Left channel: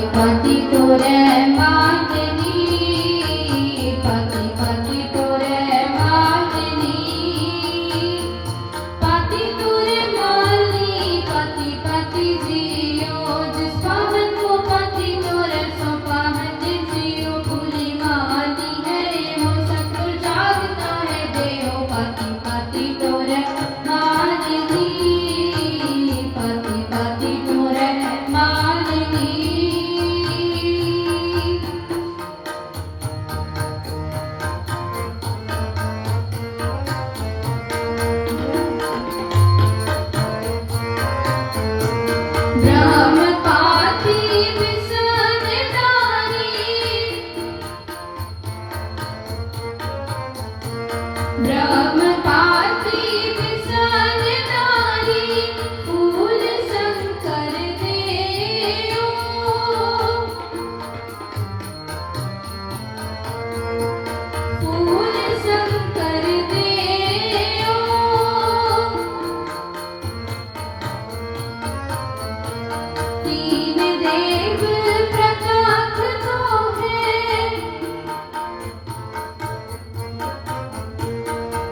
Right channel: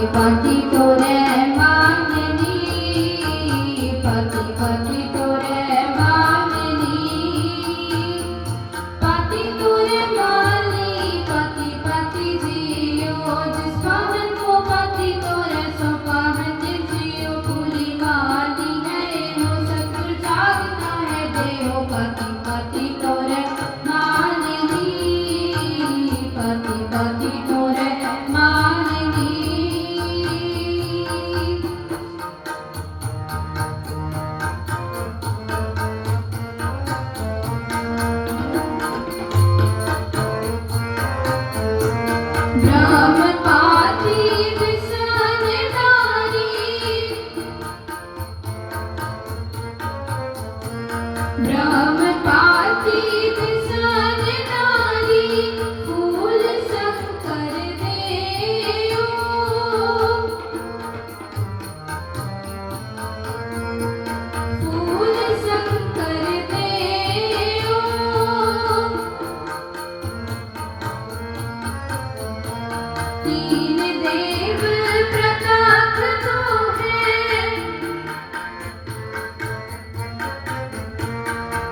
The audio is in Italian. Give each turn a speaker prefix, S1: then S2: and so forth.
S1: पति तोरे मांगनी पति બ્રહ્મપાતી